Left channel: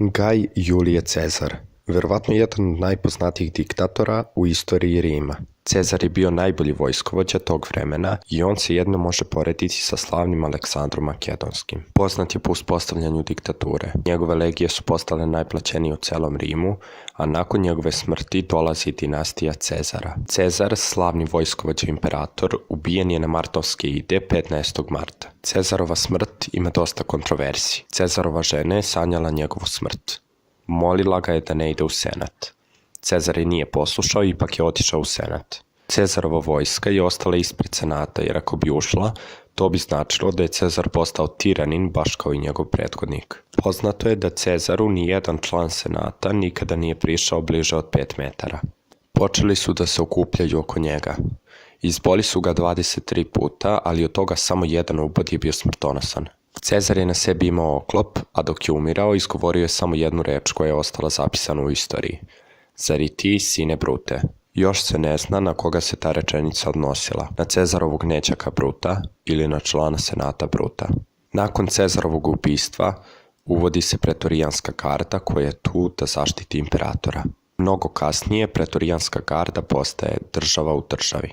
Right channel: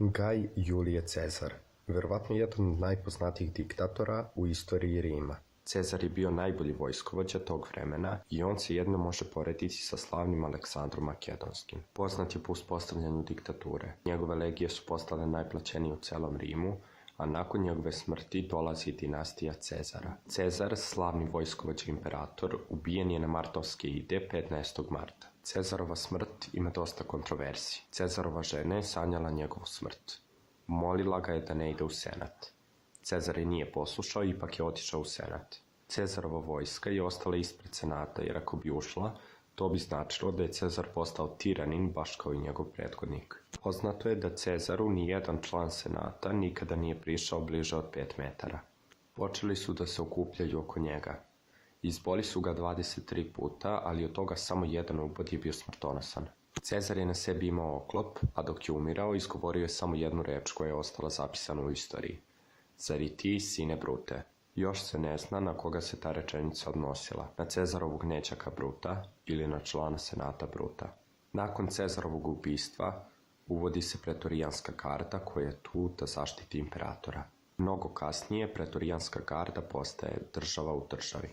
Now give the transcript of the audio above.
Gaj Julije Cezar, verovatno jedan od najpoznatijih diktatora u istoriji Rima. Cezar je bio najbolji vojskovođa tog vremena i on se jedno može porediti sa slavnim Aleksandrom Makedonskim. Poznat je po uspostavljanju diktature. Njegove legije su postale najplaćenije u celom Rimu, a nakon njegove smrti dolazi dinastija Cezara. Cezar, slavni vojskovođa imperator, ubijen je na martovske ide 15. marta. Cezarova smrt ima dosta kontroverzi. Cezarova žena je sanjala njegovu smrt. Molila ga je da ne ide u senat. Cezar je nije poslušao i ipak je otišao u senat. Cezarova vojska je ostala ispred senata jer ako bi ušla, to bi značilo da je Cezar postao tiranin baš kao i njegov prethodnik. Poznato je da Cezaru nijedan član senata nikada nije prišao bliže od 5 metara. Počeli su da se okupljaju oko njega. Izboli su ga 23 puta, ali od toga samo jedan ubod je bio smrtonosan. Cezar je na sebi imao oklop, a dok je umirao izgovorio je samo jednu reč koja je ostala zapisana u istoriji. Zar i ti, sine Brute? Još se ne zna na koga se ta rečenica odnosila, na Cezarovog nećaka Bruta ili na člana senata Bruta. Nakon Cezarovog ubistva uvodi se pretorijanska garda koja je tu da zaštiti imperatora. Mnogo kasnije pretorijanska garda postaje država u državi.